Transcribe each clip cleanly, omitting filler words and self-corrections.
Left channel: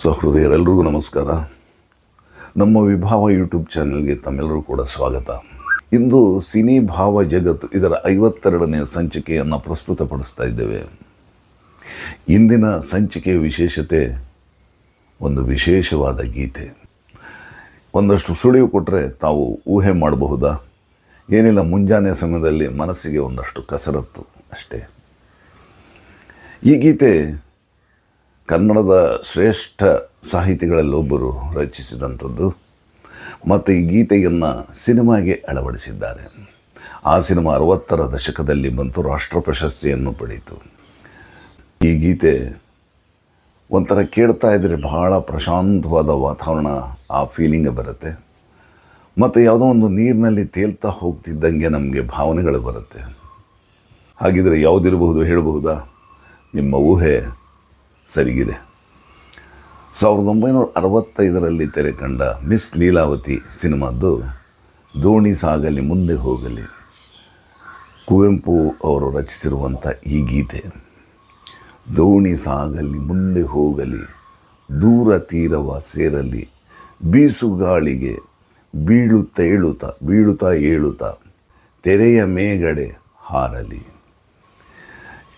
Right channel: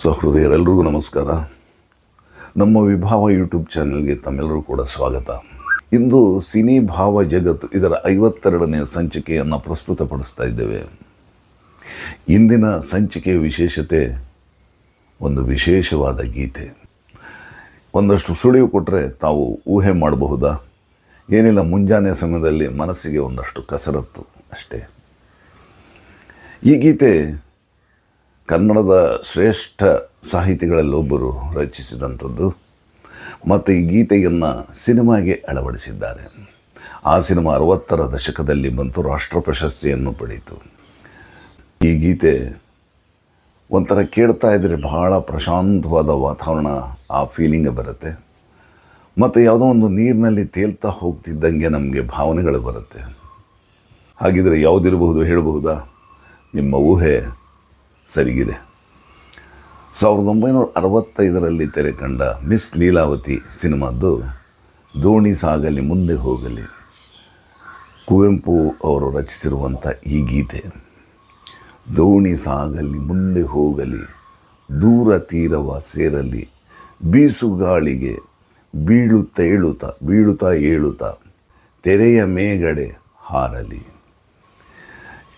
ಸಹೃದಯರೆಲ್ಲರಿಗೂ ನಮಸ್ಕಾರ. ನಮ್ಮ ವಿಭಾವ ಯೂಟ್ಯೂಬ್ ಚಾನೆಲ್ಗೆ ತಮ್ಮೆಲ್ಲರೂ ಕೂಡ ಸ್ವಾಗತ. ಇಂದು ಸಿನಿ ಭಾವ ಜಗತ್ತು ಇದರ 52ನೇ ಸಂಚಿಕೆಯನ್ನು ಪ್ರಸ್ತುತಪಡಿಸ್ತಾ ಇದ್ದೇವೆ. ಇಂದಿನ ಸಂಚಿಕೆಯ ವಿಶೇಷತೆ ಒಂದು ವಿಶೇಷವಾದ ಗೀತೆ. ಒಂದಷ್ಟು ಸುಳಿವು ಕೊಟ್ಟರೆ ತಾವು ಊಹೆ ಮಾಡಬಹುದಾ? ಏನಿಲ್ಲ, ಮುಂಜಾನೆ ಸಮಯದಲ್ಲಿ ಮನಸ್ಸಿಗೆ ಒಂದಷ್ಟು ಕಸರತ್ತು ಅಷ್ಟೇ. ಈ ಗೀತೆ ಕನ್ನಡದ ಶ್ರೇಷ್ಠ ಸಾಹಿತಿಗಳಲ್ಲೊಬ್ಬರು ರಚಿಸಿದಂಥದ್ದು ಮತ್ತು ಈ ಗೀತೆಯನ್ನು ಸಿನಿಮಾಗೆ ಅಳವಡಿಸಿದ್ದಾರೆ. ಆ ಸಿನಿಮಾ 60ರ ದಶಕದಲ್ಲಿ ಬಂತು, ರಾಷ್ಟ್ರ ಪ್ರಶಸ್ತಿಯನ್ನು ಪಡೆಯಿತು. ಈ ಗೀತೆ ಒಂಥರ ಕೇಳ್ತಾ ಇದ್ದರೆ ಬಹಳ ಪ್ರಶಾಂತವಾದ ವಾತಾವರಣ, ಆ ಫೀಲಿಂಗ್ ಬರುತ್ತೆ. ಮತ್ತು ಯಾವುದೋ ಒಂದು ನೀರಿನಲ್ಲಿ ತೇಲ್ತಾ ಹೋಗ್ತಿದ್ದಂಗೆ ನಮಗೆ ಭಾವನೆಗಳು ಬರುತ್ತೆ. ಹಾಗಿದ್ರೆ ಯಾವುದಿರಬಹುದು ಹೇಳಬಹುದಾ? ನಿಮ್ಮ ಊಹೆ ಸರಿಗಿದೆ. 1965ರಲ್ಲಿ ತೆರೆ ಕಂಡ ಮಿಸ್ ಲೀಲಾವತಿ ಸಿನಿಮಾದ್ದು ದೋಣಿ ಸಾಗಲಿ ಮುಂದೆ ಹೋಗಲಿ, ಕುವೆಂಪು ಅವರು ರಚಿಸಿರುವಂಥ ಈ ಗೀತೆ. ದೋಣಿ ಸಾಗಲಿ ಮುಂದೆ ಹೋಗಲಿ, ದೂರ ತೀರವ ಸೇರಲಿ, ಬೀಸುಗಾಳಿಗೆ ಬೀಳುತ್ತಾ ಏಳುತ್ತಾ ತೆರೆಯ ಮೇಗಡೆ ಹಾರಲಿ.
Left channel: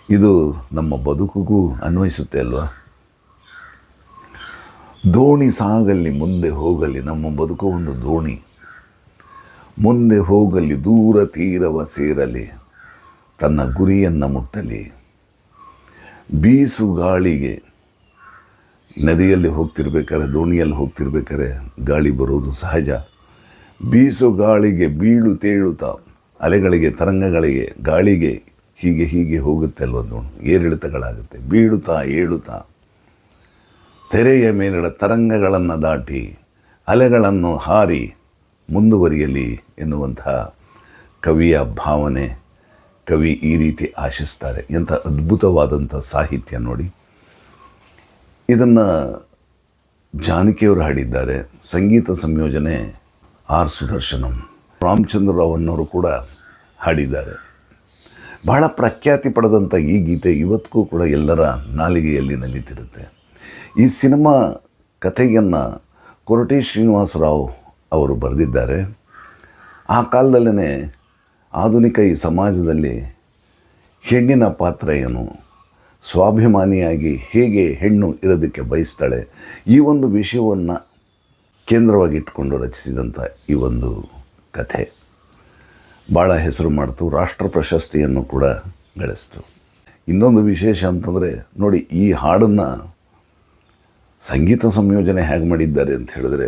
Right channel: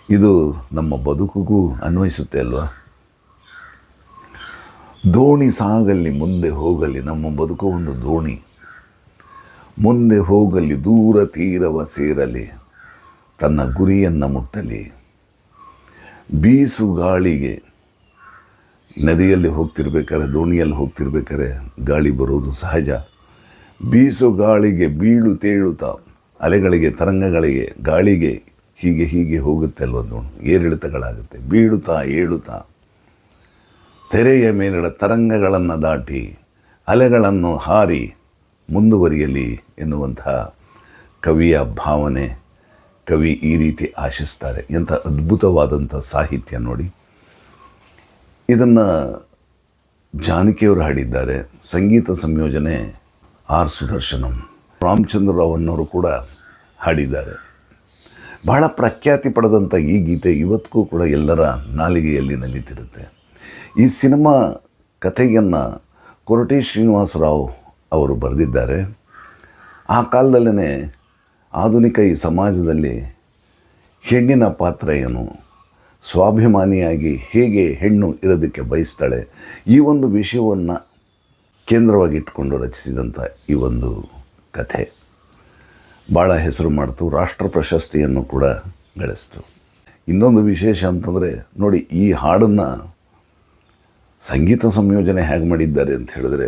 ಇದು ನಮ್ಮ ಬದುಕಿಗೂ ಅನ್ವಯಿಸುತ್ತೆ ಅಲ್ವಾ? ದೋಣಿ ಸಾಗಲಿ ಮುಂದೆ ಹೋಗಲಿ, ನಮ್ಮ ಬದುಕು ಒಂದು ದೋಣಿ. ಮುಂದೆ ಹೋಗಲಿ, ದೂರ ತೀರವ ಸೇರಲಿ, ತನ್ನ ಗುರಿಯನ್ನು ಮುಟ್ಟಲಿ. ಬೀಸು ಗಾಳಿಗೆ, ನದಿಯಲ್ಲಿ ಹೋಗ್ತಿರ್ಬೇಕಾದ್ರೆ, ದೋಣಿಯಲ್ಲಿ ಹೋಗ್ತಿರ್ಬೇಕಾದ್ರೆ ಗಾಳಿ ಬರೋದು ಸಹಜ. ಬೀಸು ಗಾಳಿಗೆ ಬೀಳುತ್ತಾ, ಅಲೆಗಳಿಗೆ, ತರಂಗಗಳಿಗೆ, ಗಾಳಿಗೆ ಹೀಗೆ ಹೋಗುತ್ತೆ ಅಲ್ವ, ಏರಿಳಿತಗಳಾಗುತ್ತೆ. ಬೀಳುತ್ತಾ ಏಳುತ್ತಾ ತೆರೆಯ ಮೇಲಿನ ತರಂಗಗಳನ್ನು ದಾಟಿ ಅಲೆಗಳನ್ನು ಹಾರಿ ಮುಂದುವರಿಯಲಿ ಎನ್ನುವಂತಹ ಕವಿಯ ಭಾವನೆ. ಕವಿ ಈ ರೀತಿ ಆಶಿಸ್ತಾರೆ. ಎಂಥ ಅದ್ಭುತವಾದಂಥ ಸಾಹಿತ್ಯ ನೋಡಿ. ಇದನ್ನು ಜಾನಕಿಯವರು ಹಾಡಿದ್ದಾರೆ. ಸಂಗೀತ ಸಂಯೋಜನೆ ಆರ್ ಸುದರ್ಶನಂ. ರಾಮಚಂದ್ರ ರಾವ್ ಅನ್ನೋರು ಕೂಡ ಹಾಡಿದ್ದಾರೆ. ಬಹಳ ಪ್ರಖ್ಯಾತಿ ಪಡೆದಂಥ ಈ ಗೀತೆ ಇವತ್ತಿಗೂ ಕೂಡ ಎಲ್ಲರ ನಾಲಿಗೆಯಲ್ಲಿ ನಲಿತಿರುತ್ತೆ. ಈ ಸಿನಿಮಾ ಕಥೆಯನ್ನು ಕೊರಟೆ ಶ್ರೀನಿವಾಸರಾವ್ ಅವರು ಬರೆದಿದ್ದಾರೆ. ಆ ಕಾಲದಲ್ಲೇ ಆಧುನಿಕ ಈ ಸಮಾಜದಲ್ಲಿ ಹೆಣ್ಣಿನ ಪಾತ್ರ ಏನು, ಸ್ವಾಭಿಮಾನಿಯಾಗಿ ಹೇಗೆ ಹೆಣ್ಣು ಇರೋದಕ್ಕೆ ಬಯಸ್ತಾಳೆ, ಈ ಒಂದು ವಿಷಯವನ್ನು ಕೇಂದ್ರವಾಗಿಟ್ಟುಕೊಂಡು ರಚಿಸಿದಂಥ ಈ ಒಂದು ಕಥೆ ಭಾಳ ಹೆಸರು ಮಾಡ್ತು. ರಾಷ್ಟ್ರ ಪ್ರಶಸ್ತಿಯನ್ನು ಕೂಡ ಗಳಿಸ್ತು. ಇನ್ನೊಂದು ವಿಶೇಷ ಅಂತಂದರೆ ನೋಡಿ, ಈ ಹಾಡನ್ನು ಸಂಗೀತ ಸಂಯೋಜನೆ ಹೇಗೆ ಮಾಡಿದ್ದಾರೆ ಅಂತ ಹೇಳಿದ್ರೆ,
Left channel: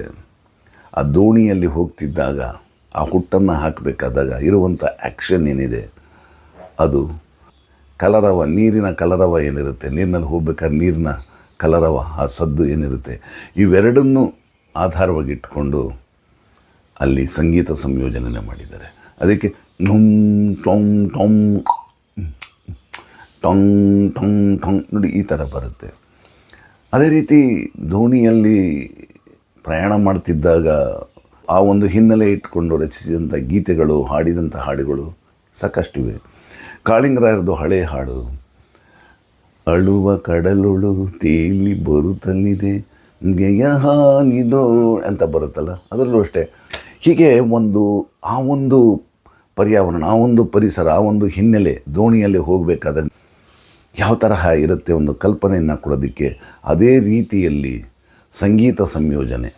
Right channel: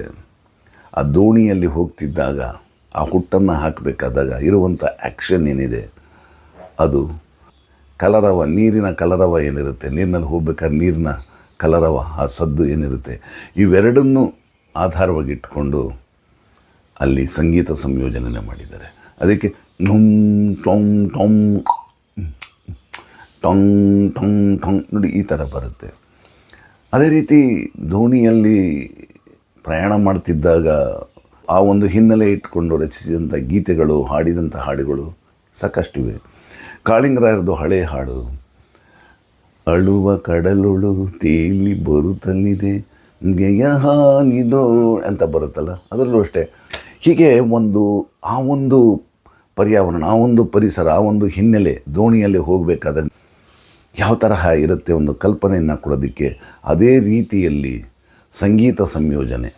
ಆ ದೋಣಿಯಲ್ಲಿ ಹೋಗ್ತಿದ್ದಾಗ, ಆ ಹುಟ್ಟನ್ನು ಹಾಕಬೇಕಾದಾಗ ಇರುವಂಥ ಆ್ಯಕ್ಷನ್ ಏನಿದೆ, ಅದು ಕಲರವ, ನೀರಿನ ಕಲರವ ಏನಿರುತ್ತೆ, ನೀರಿನಲ್ಲಿ ಹೋಗ್ಬೇಕಾದ್ರೆ ನೀರಿನ ಕಲರವ, ಆ ಸದ್ದು ಏನಿರುತ್ತೆ, ಇವೆರಡನ್ನೂ ಆಧಾರವಾಗಿಟ್ಕೊಂಡು ಅಲ್ಲಿ ಸಂಗೀತ ಸಂಯೋಜನೆ ಮಾಡಿದ್ದಾರೆ. ಅದಕ್ಕೆ ಟೊಂಗ್ ನೋಡಿ ಈ ಥರ ಬರುತ್ತೆ. ಅದೇ ರೀತಿ ದೋಣಿಯಲ್ಲಿ ಪ್ರಯಾಣ ಮಾಡ್ತಿದ್ದಾಗ ಆ ಒಂದು ಹಿನ್ನೆಲೆ ಇಟ್ಕೊಂಡು ರಚಿಸಿದಂಥ ಗೀತೆಗಳು, ಹಾಡಿದಂಥ ಹಾಡುಗಳು ಸಾಕಷ್ಟಿವೆ. ಕಾಳಿಂಗರಾಯರದು ಹಳೆಯ ಹಾಡು, ಅಳುವ ಕಡಲೊಳು ತೇಲಿ ಬರುತ್ತಲಿದೆ ಗೆಯ ಹಾಗಿದೋ ಅಂತ ಬರುತ್ತಲ್ಲ, ಅದರಲ್ಲೂ ಅಷ್ಟೇ. ಹೀಗೆ ಆ ಒಂದು ಪರ್ಯಾವರಣ, ಆ ಒಂದು ಪರಿಸರ, ಆ ಒಂದು ಹಿನ್ನೆಲೆ, ದೋಣಿಯಲ್ಲಿ ಹೋಗಬೇಕಾದ್ರೆ ಯಾವ ತರಹ ಇರುತ್ತೆ ಒಂದು ಕಲ್ಪನೆಯನ್ನು ಕೊಡೋದಕ್ಕೆ, ಅದೇ ರೀತಿಯಲ್ಲಿ ಸಂಗೀತ ಸಂಯೋಜನೆ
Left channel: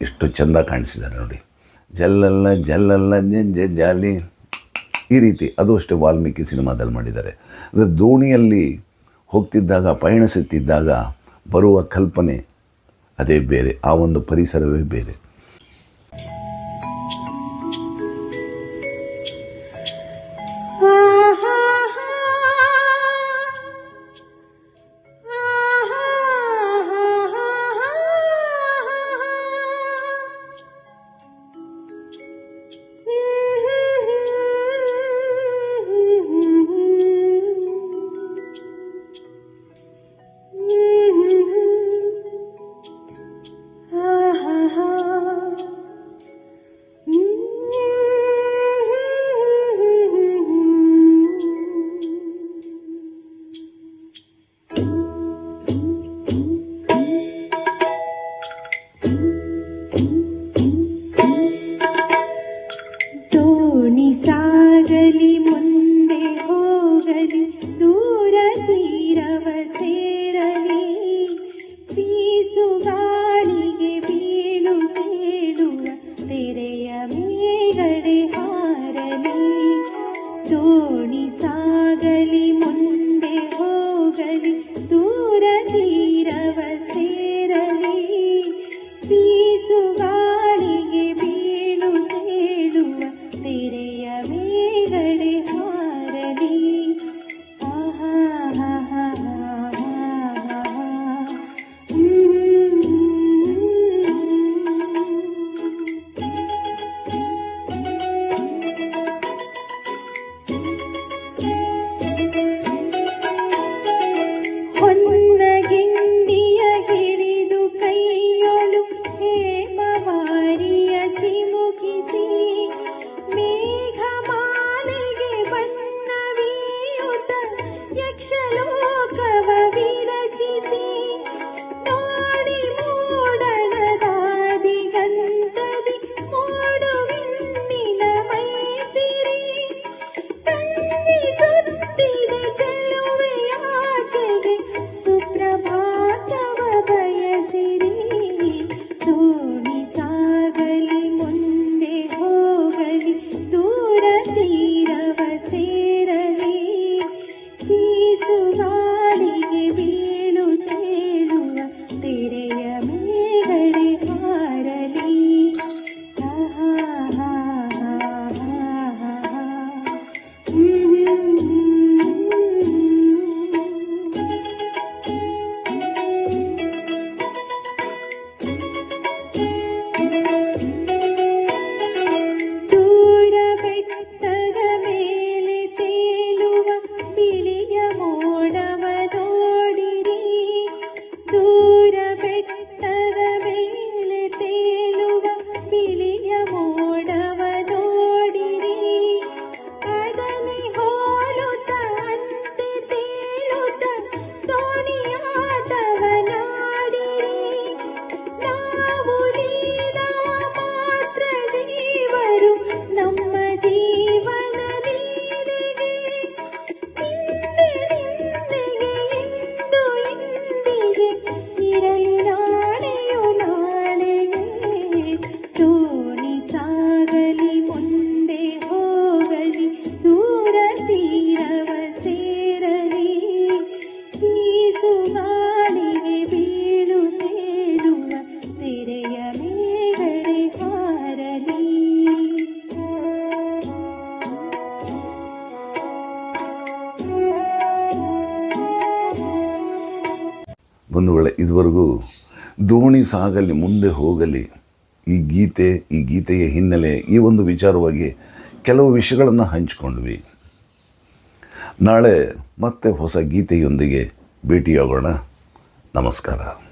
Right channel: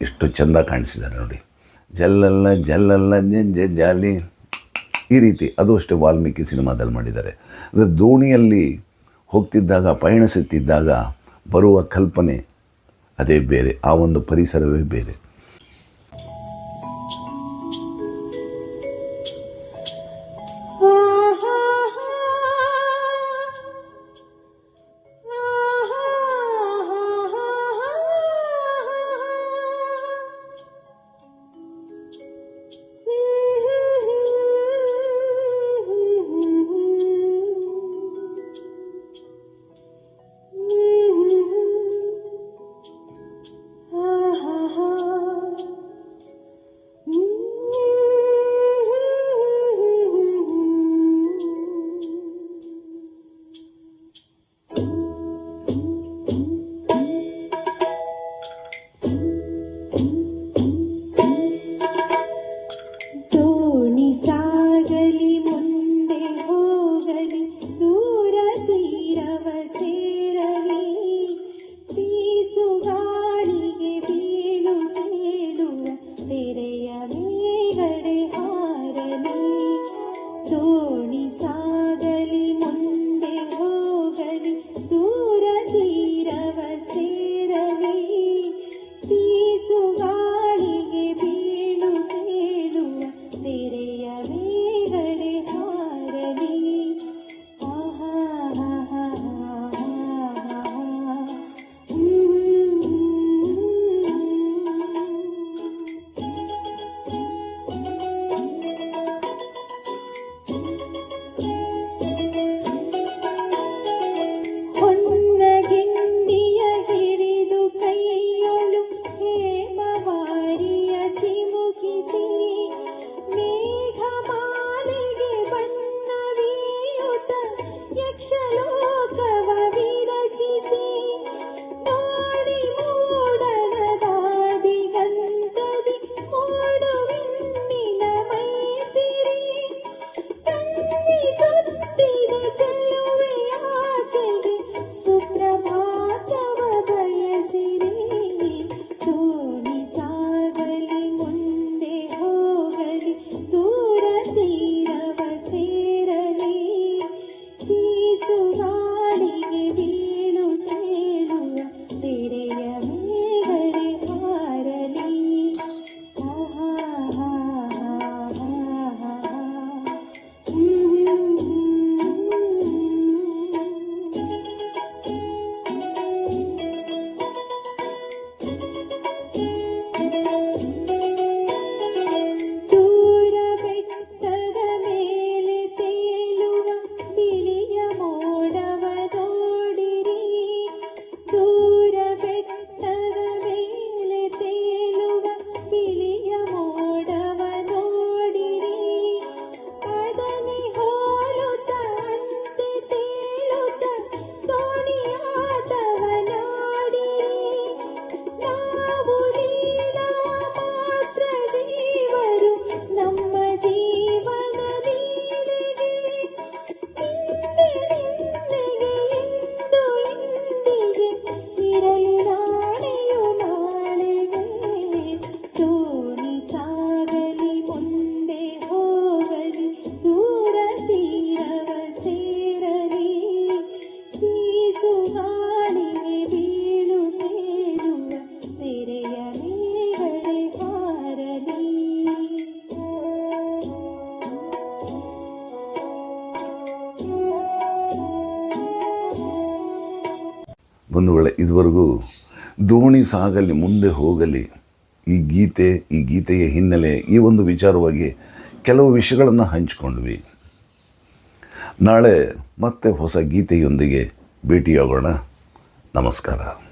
ಎಷ್ಟು ಚೆಂದ ಕಾಣಿಸಿದ್ದಾರೆ ನೋಡಿ. ಜಲ್ಲಲ್ಲ ಜಾಲಿ, ಈ ರೀತಿ. ಅದು ಅಷ್ಟೇ ವಾಲ್ಮೀಕಿ ಸಿನಿಮಾದಲ್ಲಿ ಮಾಡಿದ್ದಾರೆ. ಅಂದರೆ ದೋಣಿಯಲ್ಲಿ ಹೋಗ್ತಿದ್ದಾಗ, ಪಯಣಿಸುತ್ತಿದ್ದಾಗ ಬರುವ ಕಲ್ಪನೆ ಅದೇ ಬೇರೆ, ಆ ಒಂದು ಪರಿಸರವೇ ಬೇರೆ. ಬಂಧುಗಳೇ, ಇದುವರೆಗೂ ದೋಣಿ ಸಾಗಲಿ ಮುಂದೆ ಹೋಗಲಿ ಈ ಗೀತೆಯ ಹಿನ್ನೆಲೆ ಈ ಒಂದು ವಿಚಾರವಾಗಿ ಕೆಲವು ವಿಷಯಗಳನ್ನು ಹಂಚಿಕೊಂಡ್ವಿ. ನಾಳೆ ಮತ್ತೆ ಹೊಸ ಗೀತೆಯೊಂದಿಗೆ ಭೇಟಿಯಾಗೋಣ. ನಮಸ್ಕಾರ.